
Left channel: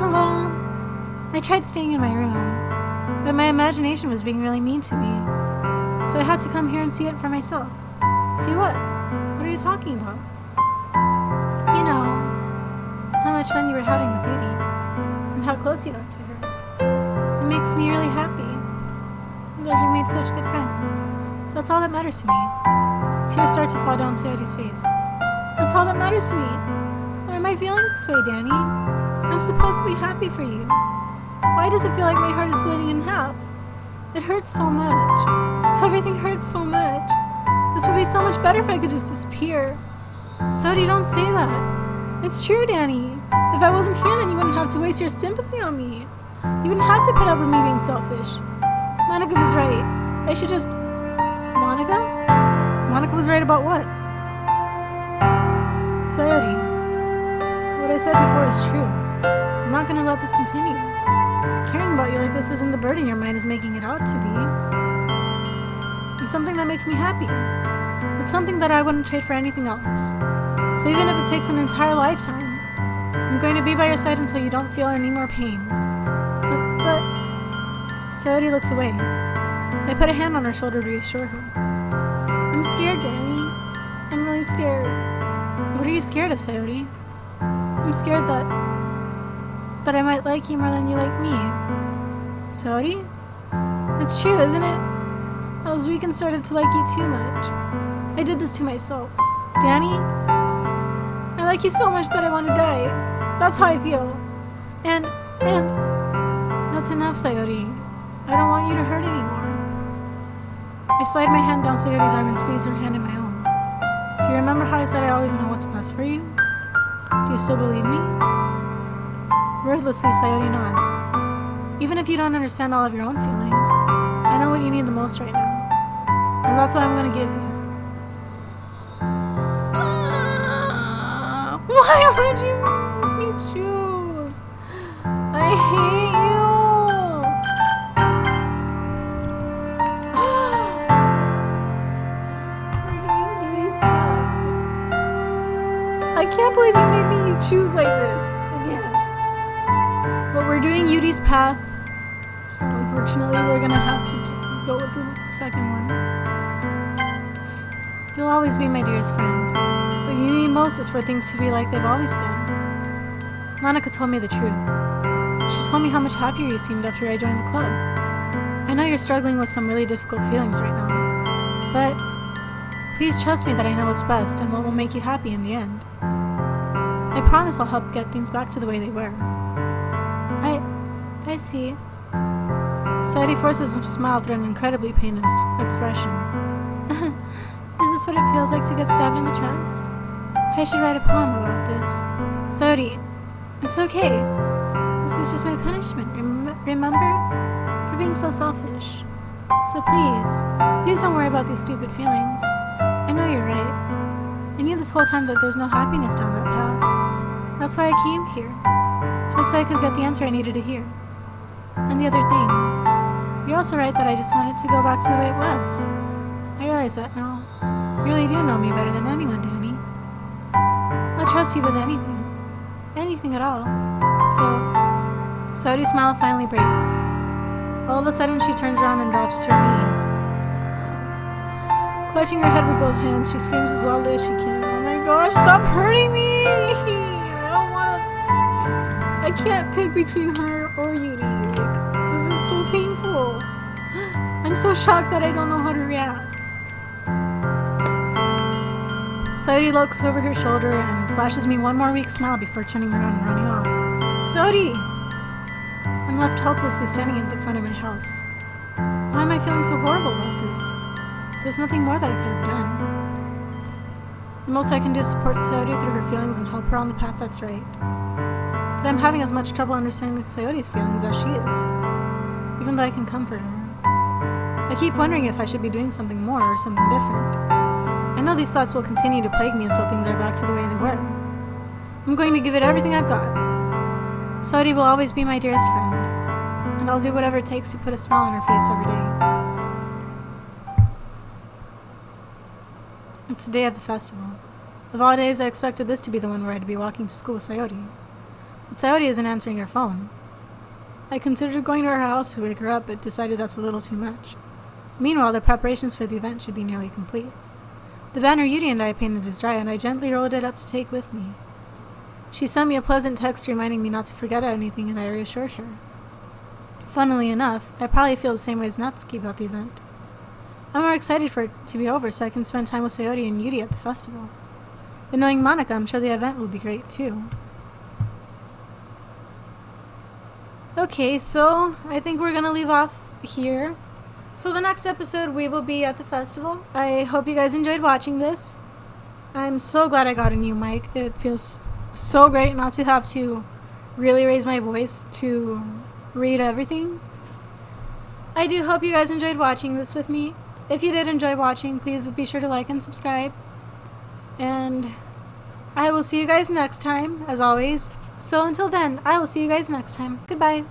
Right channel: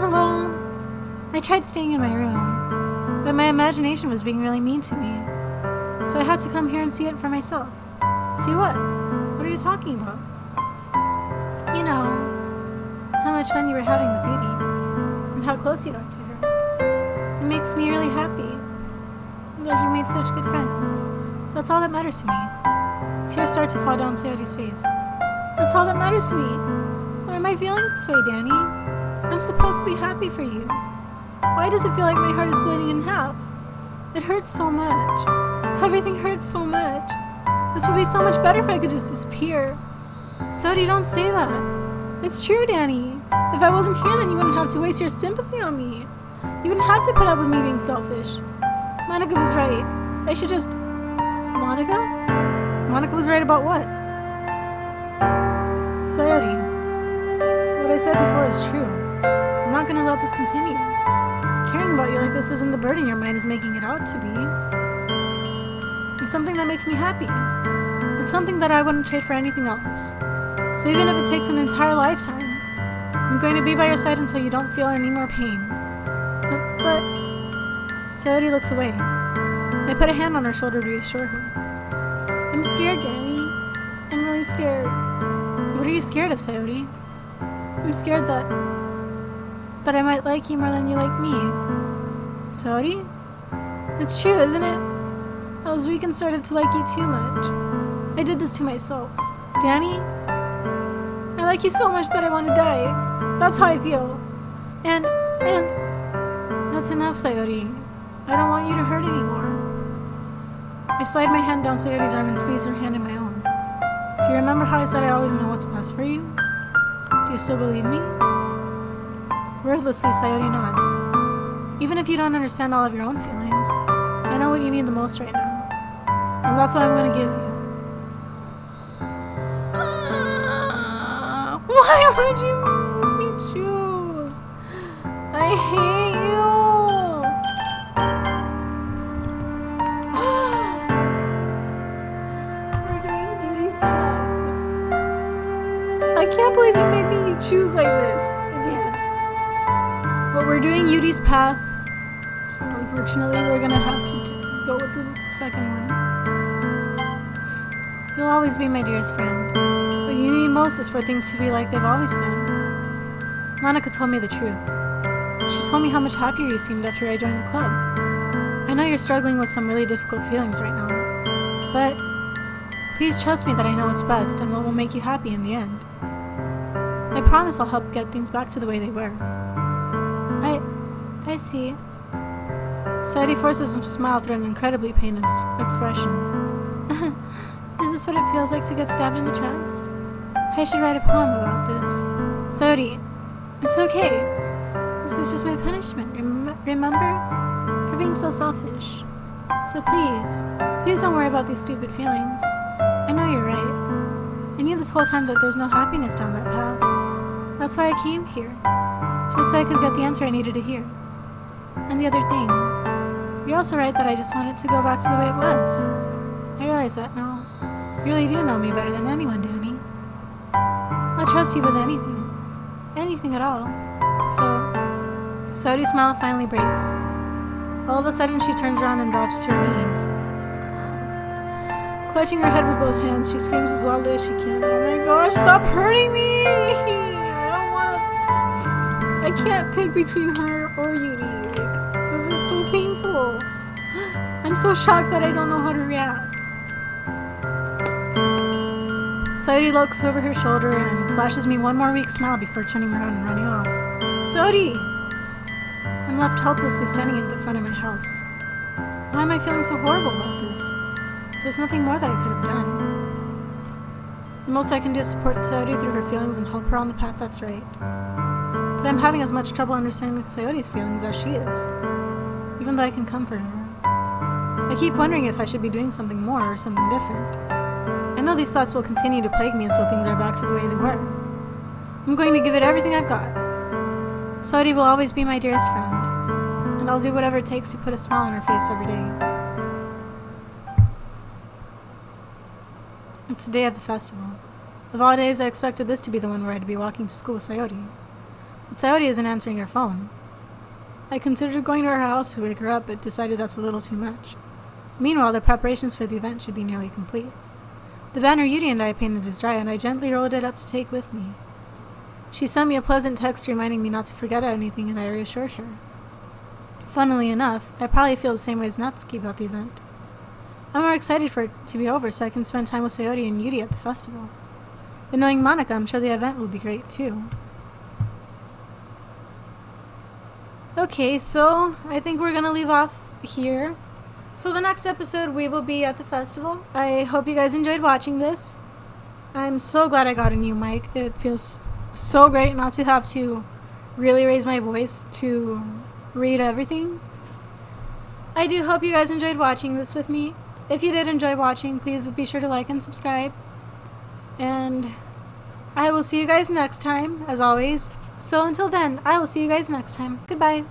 Well, I tried staying in my room, but my imagination was being really mean to me. So I had to come here and see it for myself. See what? What are you talking about? You know, how much fun you were having with Yuri, and how close you got to her. It makes me really happy that you made such good friends. That's all that matters to me. Tears start to fall down Sayori's face. That's all that matters to me. Why am I feeling this way, Danny? I'm supposed to be happy for you. Why does it feel like my heart is splitting in half? It hurts so much. Everything hurts so much. This would be so much better if I could just disappear. Sayori, don't say that. It's true, Danny. If I wasn't here, then you wouldn't have to waste your sympathy on me. You wouldn't have to put up with me being selfish. Monica was right. I should just... Monica? Monica was right about what? Sayori, what I said before is true. I'm not gonna let this continue. Caring about you like this isn't the burden your mind is making it out to be. It's something that makes me happy. It's something that I wouldn't trade for anything else. So even if it takes an entire lifetime, I'm going to be by your side until you don't feel any more pain. But... Sayori looks away. I put a hand on her shoulder to reassure her. I'm scared, Danny. I'm really scared. What are you scared of, Sayori? I'm scared that I might like you more than you like me. Sayori? It's true, isn't it? I was weak and started to like you too much. I did this to myself. Danny? I like you so much that I want to die. That's how I feel. And... That's enough, Sayori. I don't want you to hurt anymore. I slide my hand down Sayori's arm and squeeze her hand in my own. Do you remember how I said I always know what's best for you? Do you still believe me? Wordlessly, Sayori nods. Even if you don't understand all of your own feelings, I know what you need the most right now. And that's what I'm going to give you. Why would you make me choose? I hate you. We're doing Duty's path. I can't believe you made me choose like this again. But we're doing Yudi's path, so unfortunately we're gonna have to go with the second one. You'll always be my dearest friend. What you need most is for things to be like they've always been. Monica told me the truth. She told me how much happier you seemed after I joined the club. I know you're struggling with some really difficult feelings right now, but please trust me that I know what's best and what will make you happy in the end. I promise I'll help get things back to the way they were. I see. Sayori forces a smile through an incredibly pained expression. Is this what it feels like to get stabbed in the chest? I should write a poem about this. Sayori, it's okay. This is just my punishment, remember? For being so selfish. So please don't worry about these stupid feelings. I know you're right. I knew this whole time that there's no happiness down that path. That's why I came here. Just so I could get the answer I needed to hear. And the other thing, you're also right that I just wanted to go back to the way it was. I realize that now. You really do know me better than anyone, Danny. I'll trust you with anything. Anything at all. So, Sayori's smile finally breaks. All of a sudden, she turns around and drops to her knees. Clutching her head with both hands, she screams as loudly as she can. Oh my gosh, stop hurting me! I don't want to I can't pick between her or Yuri. Like, this is so painful. I'm so shocked that I don't know how to react. Sayori looks over her shoulder and flashes me one more weak smile before turning around and running off. Sayori! I'm left helplessly standing in front of my house. Why am I feeling so horrible about this? There's nothing more that I could have done. The most I can do is support Sayori through her feelings and help her on the path that's right. But I'm having as much trouble understanding Sayori's feelings as she is, even though I can comfort her. I keep wondering if I should be doing something more or something different. I know these thoughts will continue to plague me until things are back to the way they were. I'm going to give it everything I've got. Sayori will always be my dearest friend, and I'll do whatever it takes to put a smile on her face every day. It's the day of the festival. Of all days, I expected this to be the one where I'd be walking to school with Sayori. But Sayori isn't answering her phone. I considered going to her house to wake her up, but decided that's a little too much. Meanwhile, the preparations for the event should be nearly complete. The banner Yuri and I painted is dry, and I gently rolled it up to take with me. She sent me a pleasant text reminding me not to forget anything, and I reassured her. Funnily enough, I probably feel the same way as Natsuki about the event. I'm more excited for it to be over so I can spend time with Sayori and Yuri at the festival. But knowing Monica, I'm sure the event will be great too. Okay, so I think we're gonna leave off here. So the next episode we will be at the festival. I hope you guys enjoyed watching this. I'm so glad I got a new mic. It feels so great not to have to really raise my voice to read everything. I do hope you guys enjoyed watching this with me. If you did enjoy watching, please be sure to like and subscribe. And I will see you guys next time, as always. So until then, I will see you guys next time. Goodbye.